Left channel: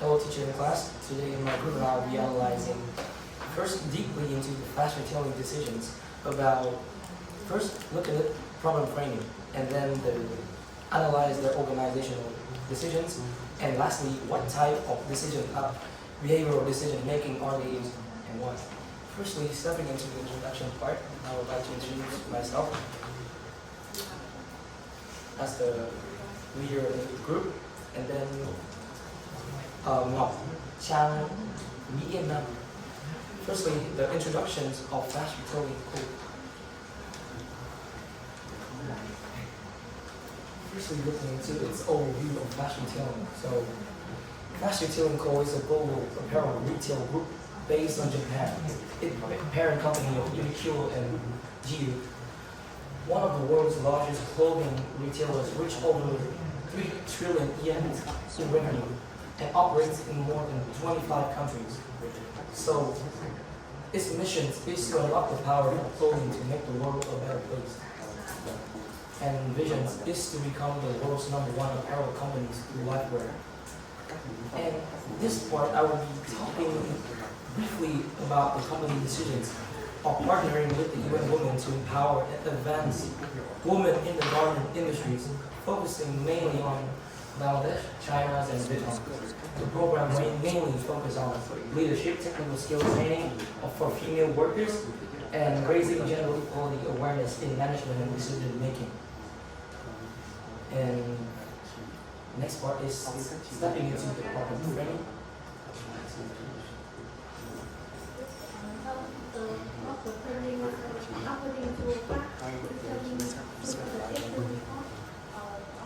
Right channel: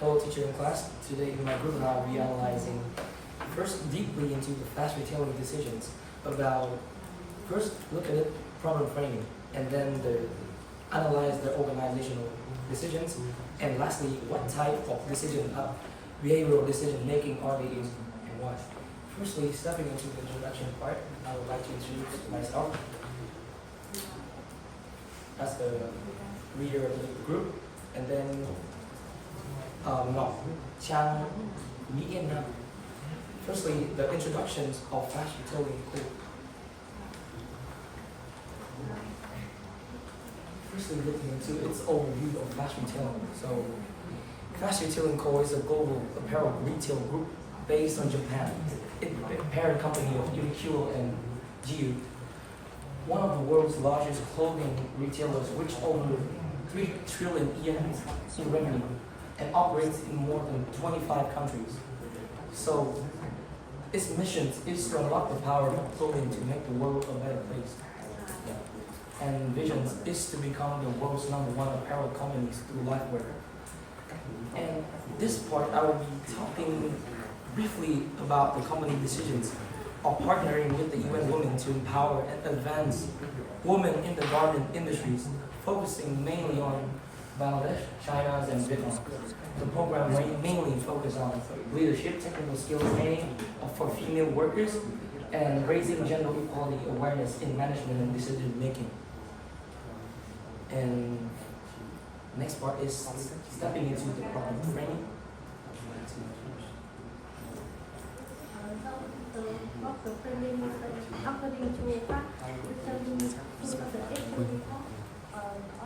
Hello teacher in class. Today in my group and I will be analyzing first deeply into the fast retailing decisions about first look at the problem framing and then analyze the organizational decisions and lastly what type of behavioral decision making are they using and why. Firstly, stepping into the introduction part, I would like to introduce myself as the leader of the group and then Ngọc Trang Mỹ Yên Nam. Firstly, the introductions of fast retailing code. Firstly, looking into its overview of fast retailing. So, Fast Retailing Co. is a global apparel retail group based on Japan. It's a parent company of Uniqlo and GU. One of the world's largest clothing retailers, which over 3 trillion yen in revenue and operates in more than 25 countries. So, its mission is to unlock the power of clothing to make the world a better place. And vision is to become the world's #1 apparel companies through LifeWear. And this part, I will be talking briefly about the company decisions of partnering with the UN Women to empower and advance women in the garment industries, focusing mainly on Bangladesh, China, and Vietnam. The program mainly focuses on leadership, technical skills training for female workers, and raising gender equality awareness in management and decision making. And next part is stepping into the problem framing. According to what determines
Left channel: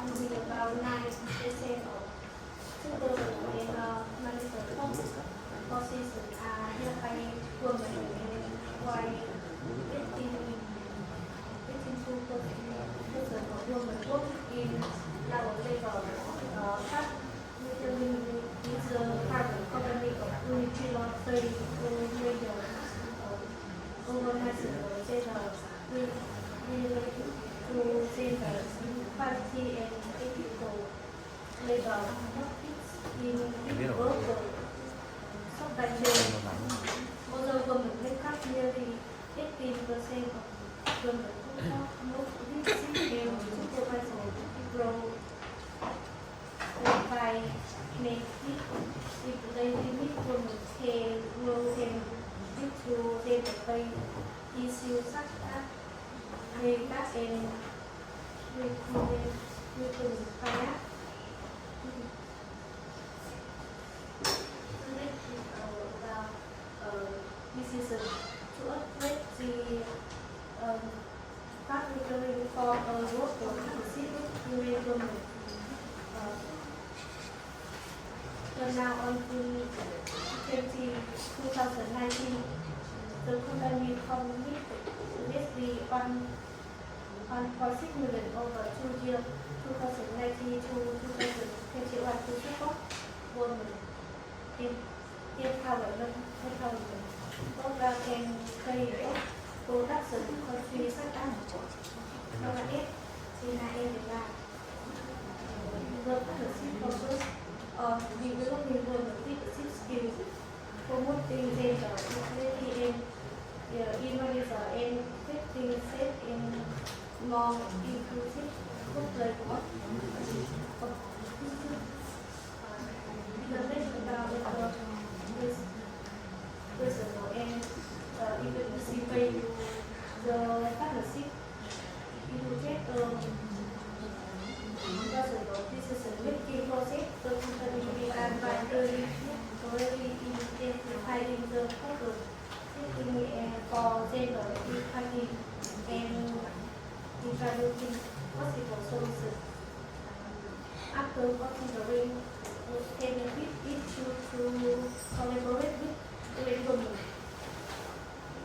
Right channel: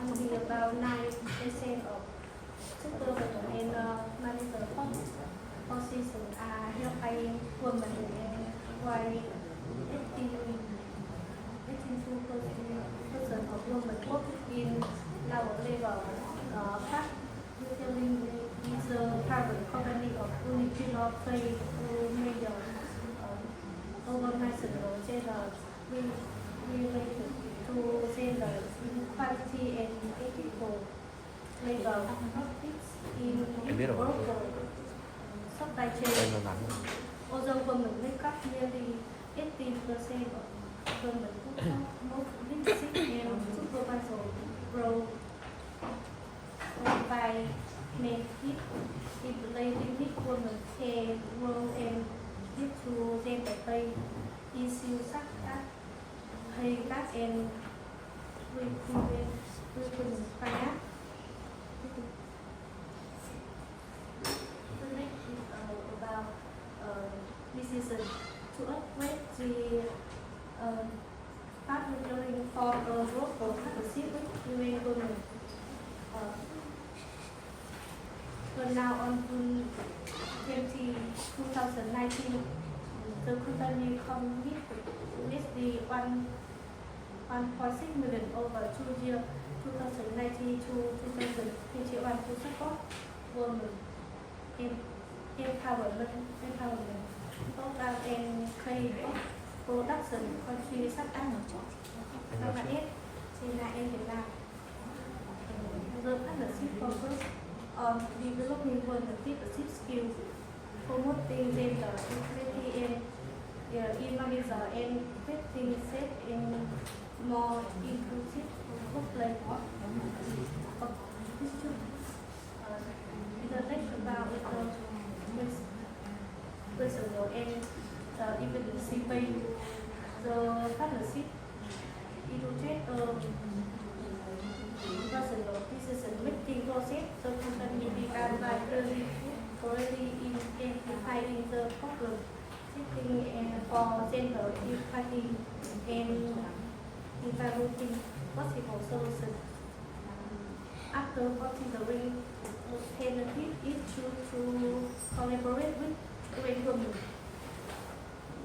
only about 9% of supervisors and managers positions are held by women, and while 82% of women work in lower level. Fast Retailing is a private company of Uniqlo trade major organized gender related to gender equality and ethical labor practice in both the supply chain. Although women make up nearly 80% of women who have most leadership supervisor role by make it related women can grow and due to gender pay issues such as pay gap and working bias. The next is about decision to upgrade the fast retailing for workforce partnership with UN Women. So now on June 20, 2019, the company committed to invest the 1.6 million over 2 years, 2019 to 2021 to support women in empowerment program and trade production countries such as Bangladesh, China, and Vietnam. The partnership focus on developing women leadership skills, promoting gender equality and innovation, and creating a safe and more inclusive workplace. The next about this personal and efficiency by the partnership. It will take personal decision making process. The company began by thoroughly identifying the problem, seeking for gender equality, and developing possible solutions. After considering benefit issues to collaborate with UN Women,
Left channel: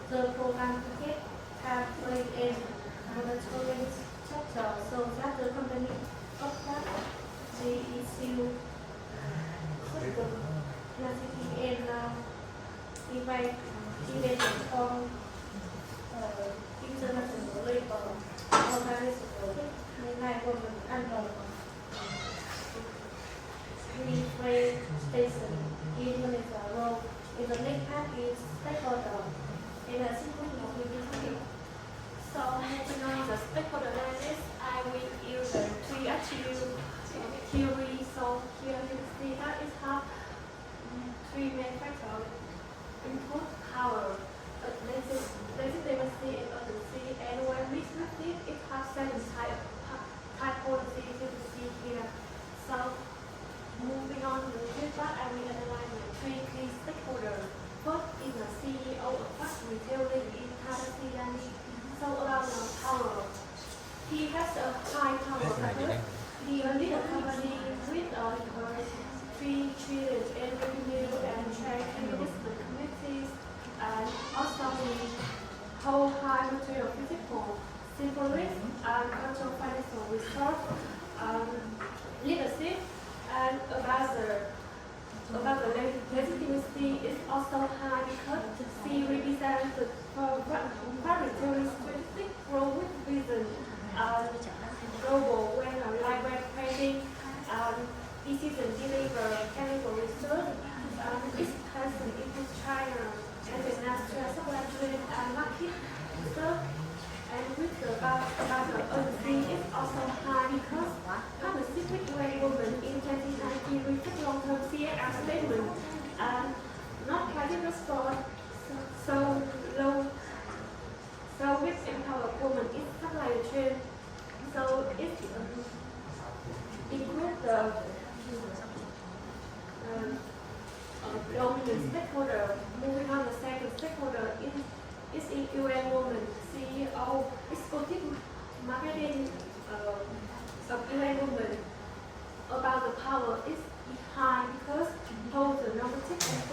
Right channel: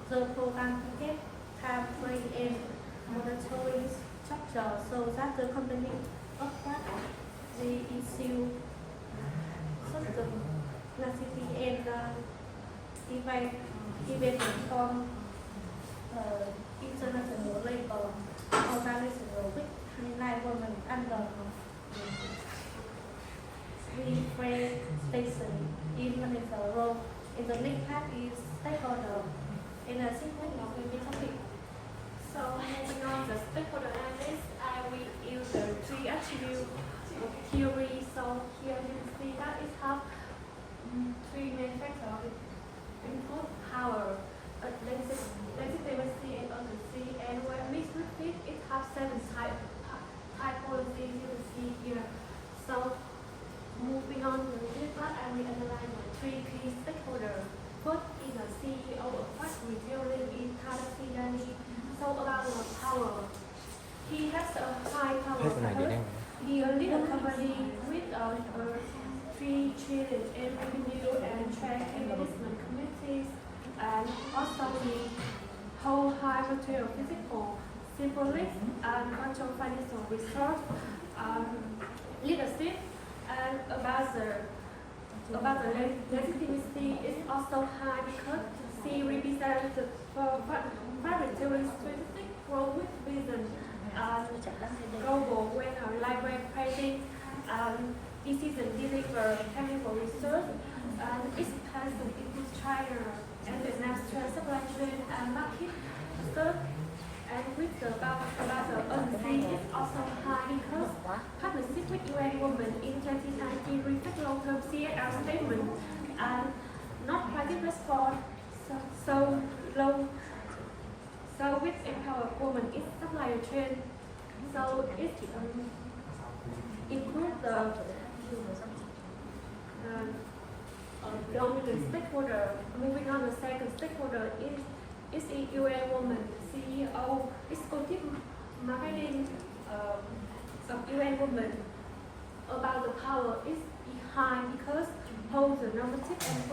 the program targets pathway and monitoring structure so that the company observes the issue system, classify and divide events on international labor organization with highlight women under railway station implement a role in the next part is stakeholder in a sequence of topic. So moving on the stakeholder analysis, I will use the three attributes of theory. So here you can see that it has three main factors: input, power, legitimacy, and urgency. And when mixed with it has seven typologies you can see here. So moving on to the third part, I will analyze the three key stakeholders. First is the CEO of fast retailing in Thailand. So about the power, he has a high power status. He leads a company with a 3 trillion in revenue and share investment committees, and also he hold high material physical, symbolic, and control financial resource, leadership, and about the legitimacy is also high because she represents the planetary strategic role with vision, global when like pricing, decision deliver technical research, expansion into China and the national supply chain and market. So, and with the about the urgency is also high because partnership with UN Women in 2019 reflect long-term CSR statement and not private response. So low. So with empower women, it's supply chain. So it includes the dominant stakeholder. Moving on, the second stakeholder is in UN Women, CEO, executive marketing of UN Women. About the power is behind because hold the normative and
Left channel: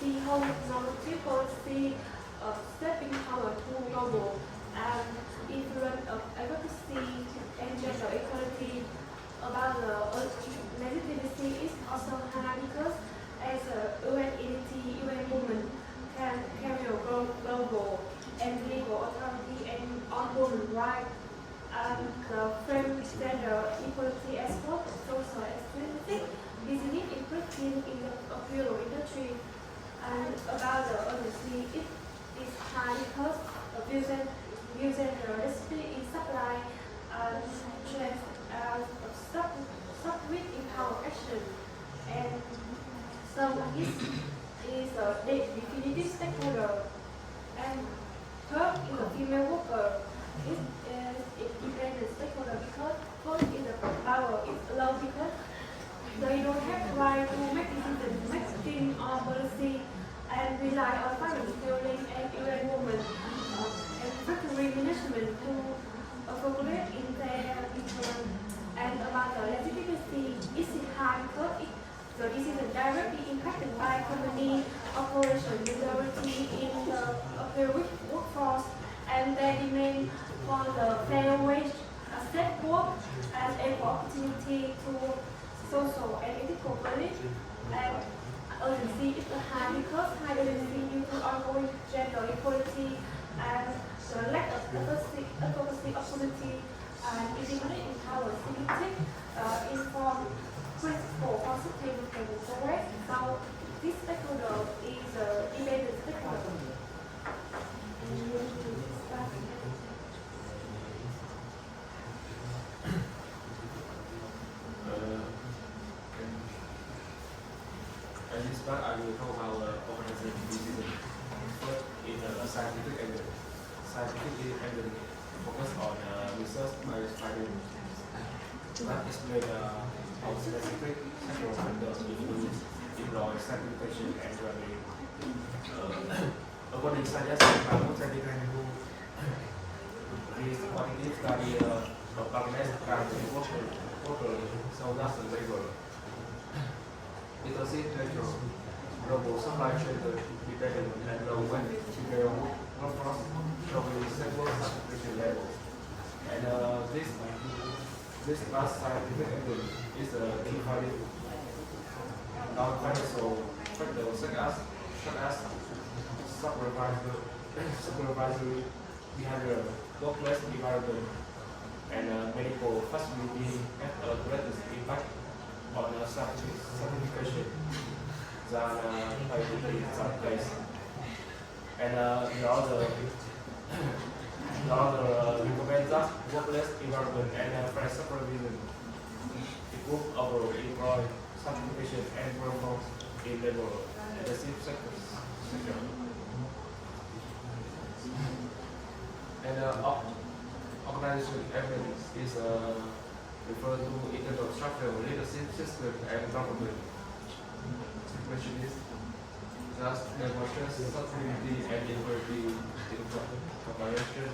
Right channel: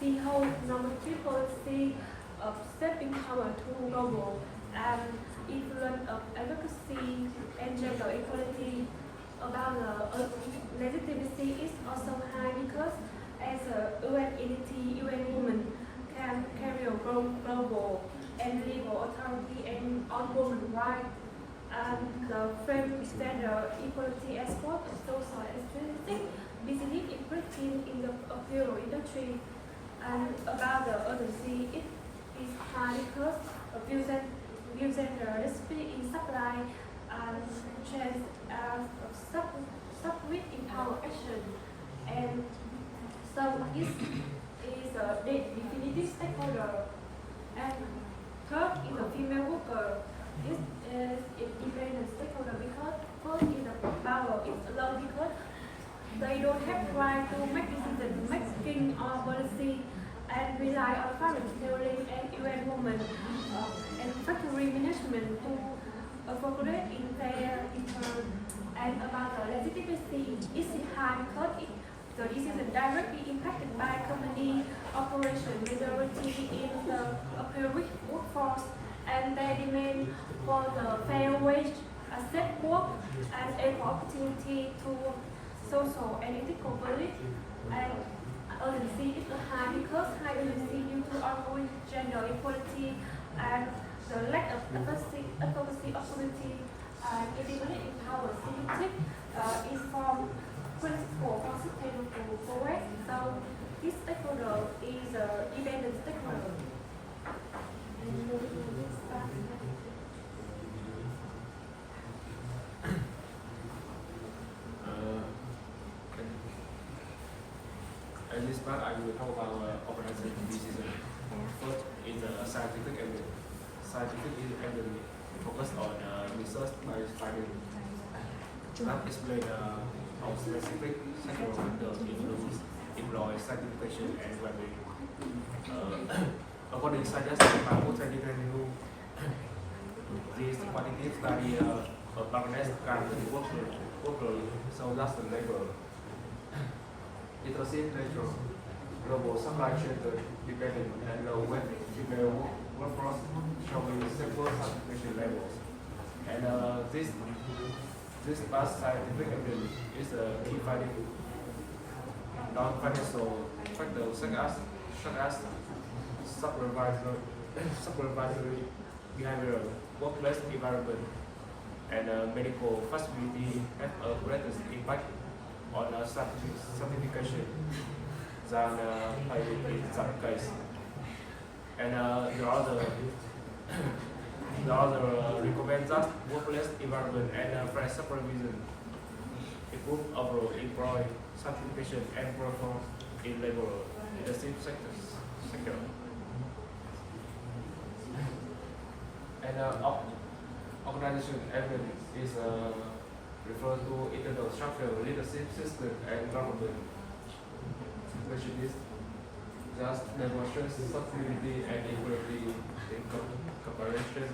she holds normative policy of stepping power to global and influence of advocacy and gender equality. About the legitimacy is also high because as a UN entity, UN Women can carry a global and legal authority and on women's rights and the frame gender equality as both social and aesthetic business improving in the apparel industry. And about the urgency, it is high because the views and the recipe in supply and chain and sub with empower action. And so it is a definitive stakeholder. And third is a female worker. It is independent stakeholder because first is the power is low because they don't have right to make decisions, making or policy, and rely on finance building and UN Women and factory management to formulate in their return. And about the legitimacy is high because the decision directly impacted by company operation, majority in the apparel workforce, and they demand for the fair wage, safe work, and equal opportunity to social and ethical value. And urgency is high because high urgency due to ongoing gender equality and the lack of advocacy opportunity and independent empower civic inform principle positive and correct. So this stakeholder is a independent stakeholder. In this part, I will talk about organizing decision. First is scientific evidence. Scientific evidence focus on research based findings. That explain how specific sexual vendors influence employ certification and value. According to science, Mahmoud Sadiqanhu, his quantitative study of organized crime worker, so that's the labor. It was natural, global supply chain dependent and low when female workforce from the several certification level. And this last scientific evidence is a key finding. Non-financial factors such as supervisory behavior, workplace environment, and medical facility have a greatest impact on certification than private in some case. And the other recommend that workplace environment and fair supervision improve overall employee certification and performance in labor leadership sector. And organization evidence is refer to internal structure, leadership system, and government. Question is, thus demonstrates sustainability and equality in cooperation.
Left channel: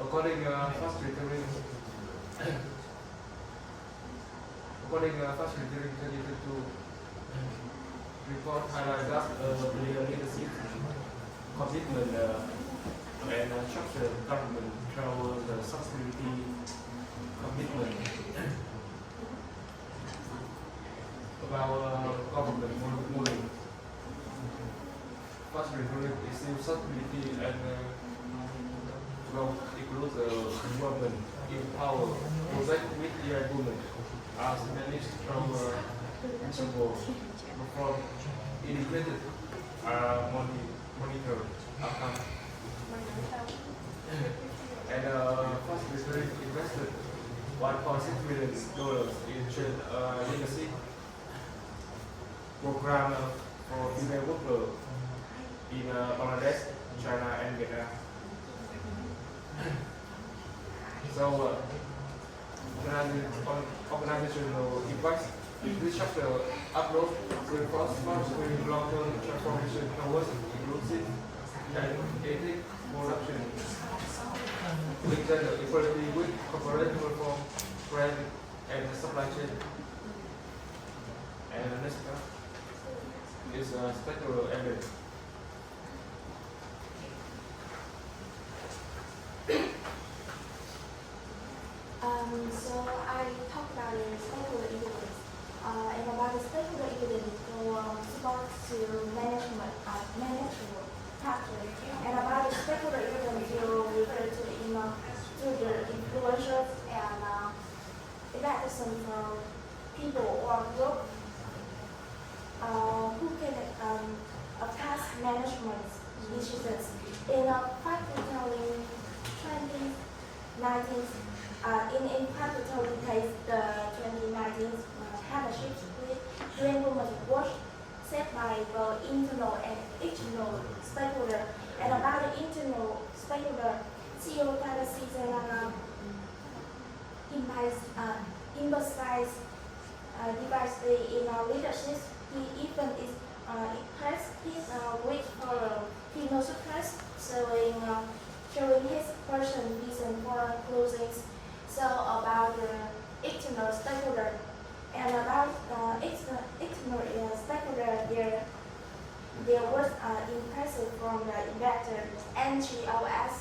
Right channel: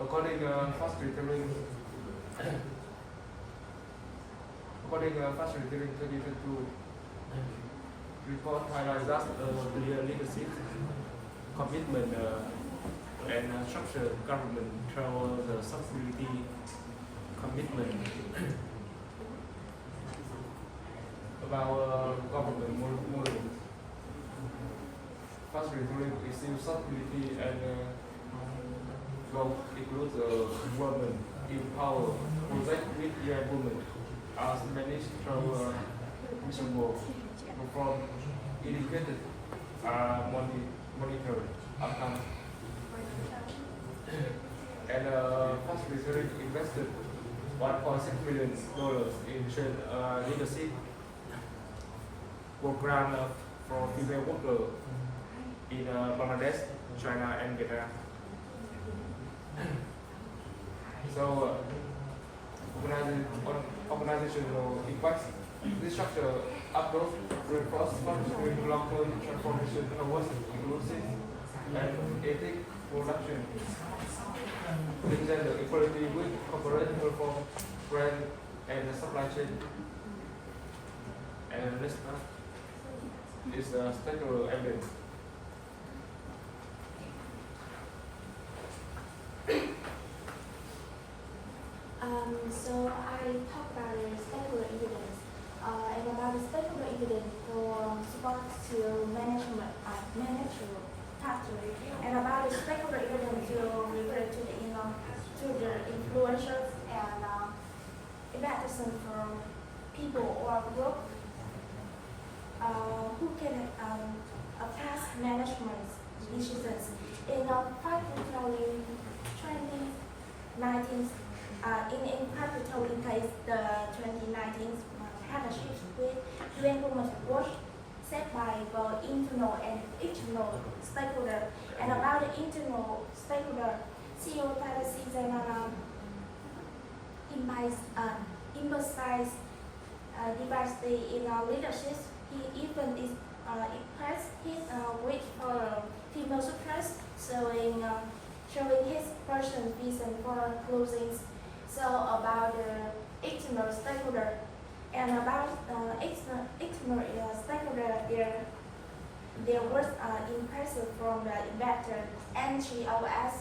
According facilitating 2022 report highlights that clear leadership commitment and structured government travel the sustainability commitment about government model. Facilitating issue sustainability and will include women in power, project with young women as managed from principle from integrated monitor outcome. And facilitating invested $1.6 million in trade leadership program for female workers in Bangladesh, China, and Vietnam. So, organizational impacts, restructure, approach, reinforce with long-term transformation towards inclusive and ethic production. Gender equality with corporate perform, brand, and supply chain. And next one is structural evidence. So I talk about the stakeholder evidence and about the stakeholder evidence for support to management factor and about the stakeholder evidence you refer to the influencers and impacts from people or group who can affect management decisions in particularly 2019. In particular case, the 2019 partnership with UN Women's Watch set by the internal and external stakeholder. And about the internal stakeholder, CEO Tata Season emphasize diversity in leadership. He even expressed his wish for female success, showing his personal vision for closing. So about the external stakeholder and about external stakeholder, there was impressive from the investor, NGOs,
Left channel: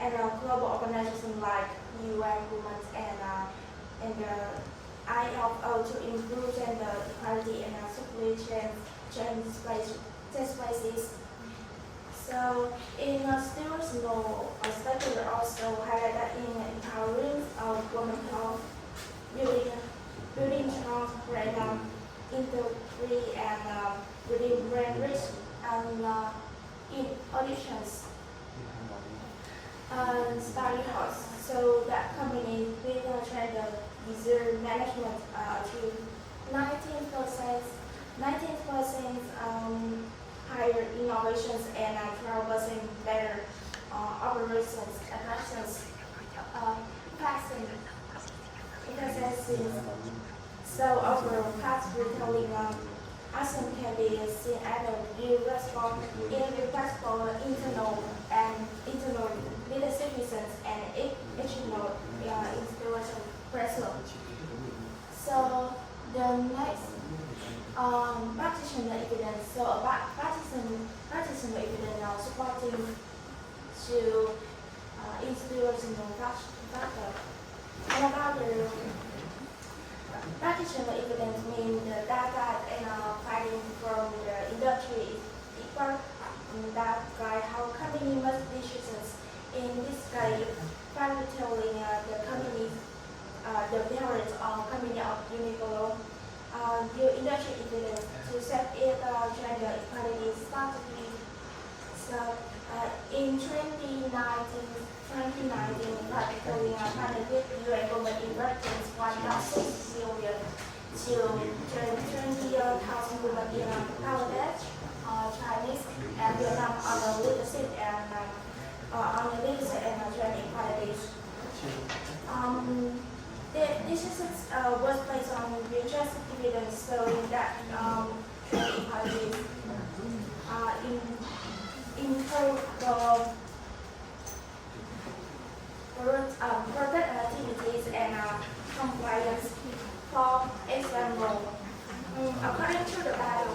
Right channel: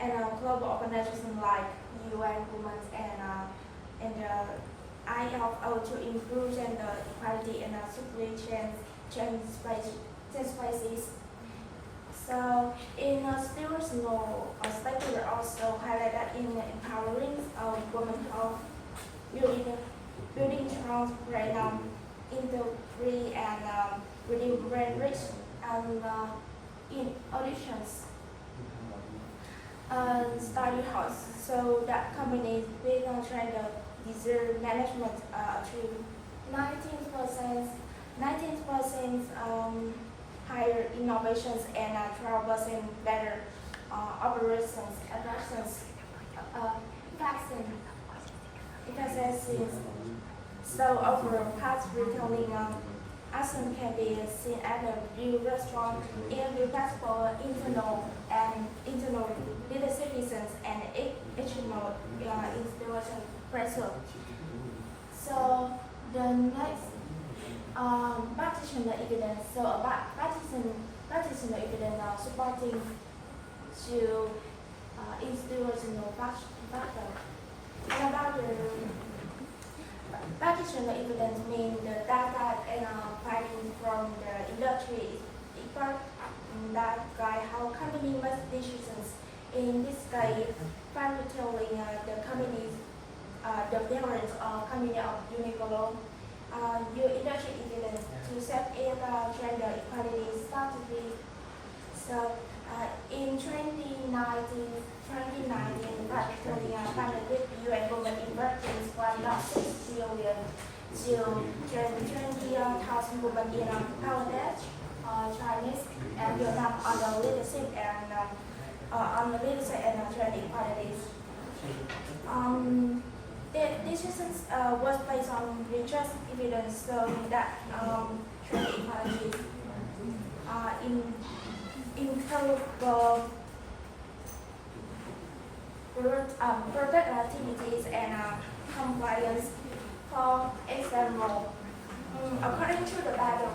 and a global organization like UN Women and the ILO to improve gender equality in supply chain spaces. So in Stewart's law, stakeholder also highlighted that in empowering women of building strong brand integrity and building brand risk and in auditions study house. So that company with gender deserve management to 19% higher innovations and 12% better operations efficiencies. So overall, past retailing action can be seen as a real response in request for internal leadership reasons and external inspiration pressure. So the next practitioner evidence. So about practitioner evidence supporting to inspirational factor. And about the practitioner evidence means the data and finding from the industry is equal that guide how company make decisions. In this study, telling the company's curriculum, your industry evidence to set it gender equality strategy. So in 2019, particularly funded with UN Women in Workplace 1.6 billion to 20,000 women in Bangladesh, Chinese, and Vietnam on the leadership and gender equalities. The decision was based on research evidence showing that gender equality in terms of protect activities and compliance. For example, according to the Bible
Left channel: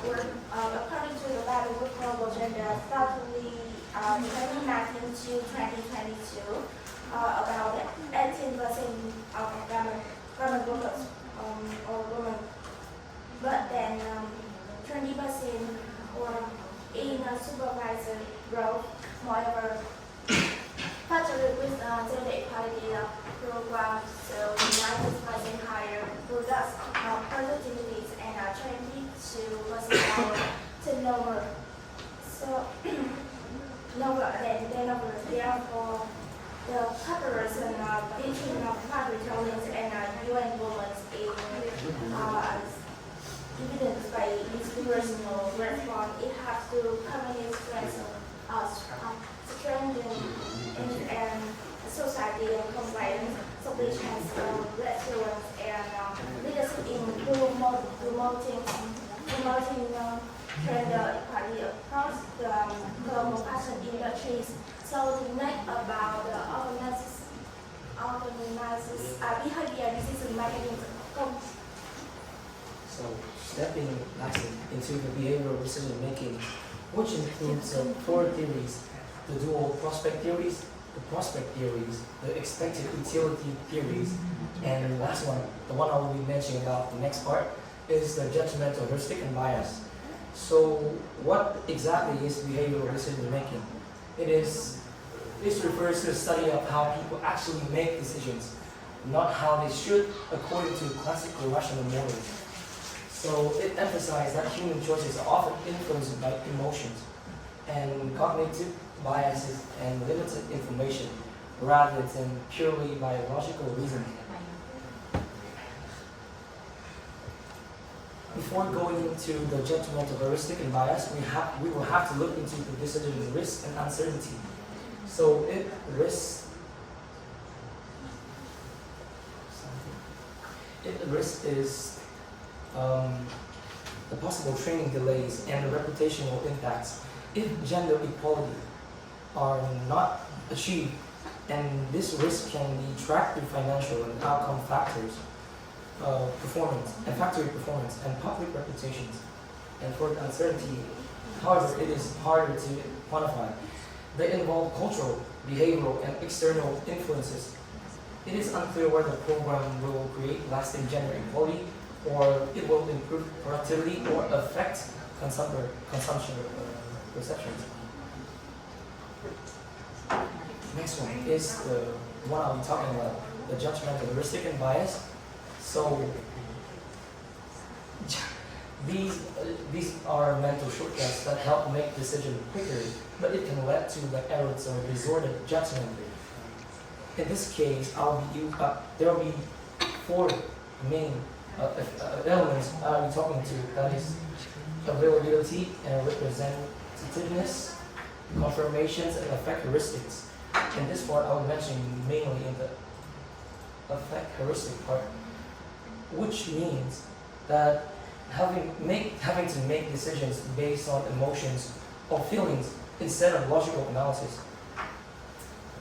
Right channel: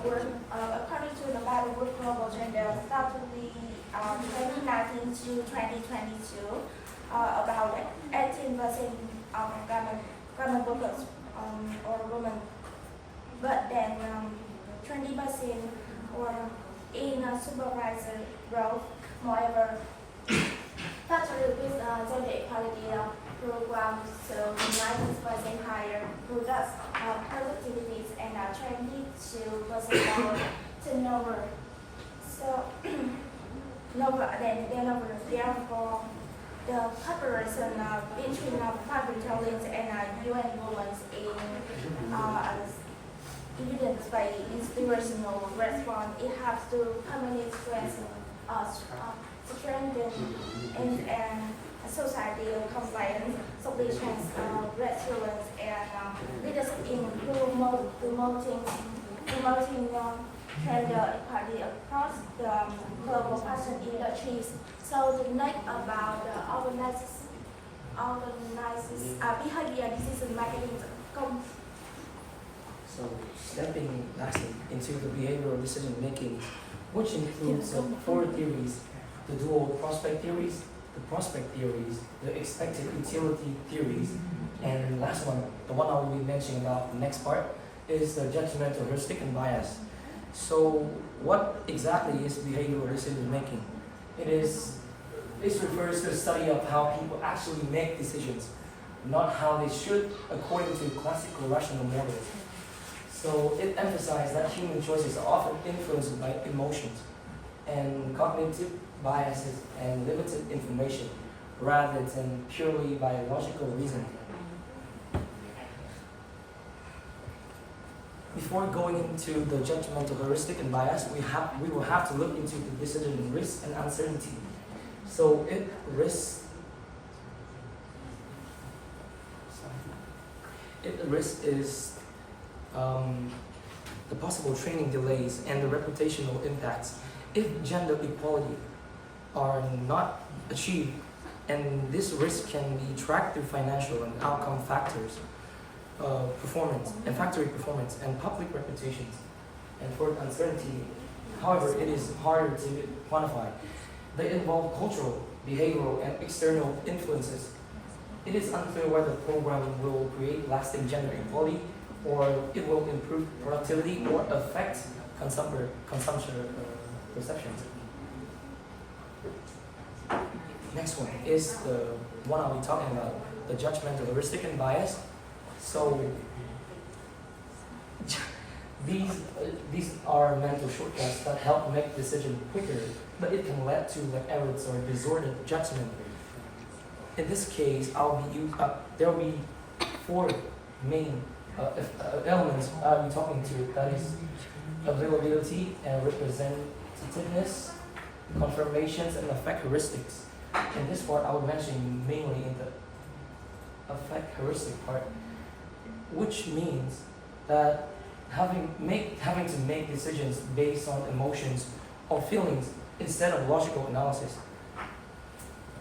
World Global Gender Strategy 2019 to 2022, about 18% of government workers or women, but then 20% or in a supervisor role. Moreover, factory with gender equality program, so 90% higher productivities and 22% lower turnover. So, therefore, the cooperation between faculties and UN women in evidence by inspirational response. It has to community strengthen and society compliance, so which has resilience and leadership in promoting gender equality across the global fashion industries. So the next about the organizes behavior decision making. So stepping lastly into the behavioral decision making, which includes four theories: the dual prospect theories, the prospect theories, the expected utility theories, and the last one, the one I will be mentioning about the next part, is the judgmental, heuristic, and bias. So what exactly is behavioral decision making? This refers to the study of how people actually make decisions, not how they should according to classical rational models. So it emphasizes that human choices are often influenced by emotions and cognitive biases and limited information, rather than purely biological reasoning. Before going into the judgmental, heuristic, and bias, we will have to look into the decision risk and uncertainty. So if the risk is the possible training delays and the reputational impacts, if gender equality are not achieved, and this risk can be tracked through financial and outcome factors, performance and factory performance and public reputations. And for the uncertainty, however, it is harder to quantify. They involve cultural, behavioral, and external influences. It is unclear whether the program will create lasting gender equality, or it will improve productivity or affect consumption perceptions. Next one is the one I'll be talking about, the judgmental, heuristic, and bias. So these are mental shortcuts that help make decisions quicker, but it can lead to errors or disordered judgment. In this case, there will be four main elements I'll be talking to. That is availability and representativeness, confirmations, and effect heuristics. In this part, I'll mention mainly in the effect heuristic part, which means that having to make decisions based on emotions or feelings instead of logical analysis.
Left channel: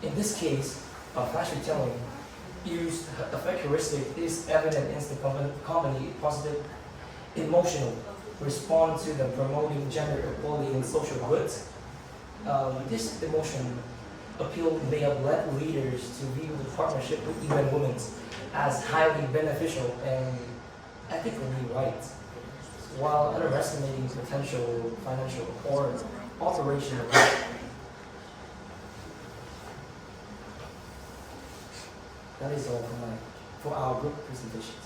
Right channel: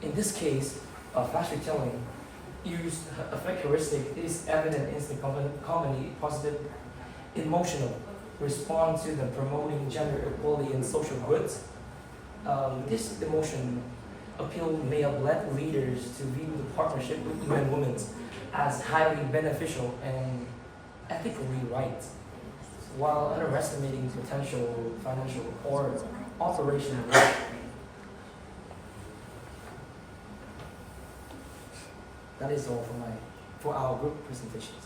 In this case, flash retelling used effect heuristic is evident in the company positive emotional response to the promoting gender equality in social goods. This emotion appeal may have led leaders to view the partnership with UN Women as highly beneficial and ethically right, while underestimating potential financial or operational risk. That is all for our group presentations.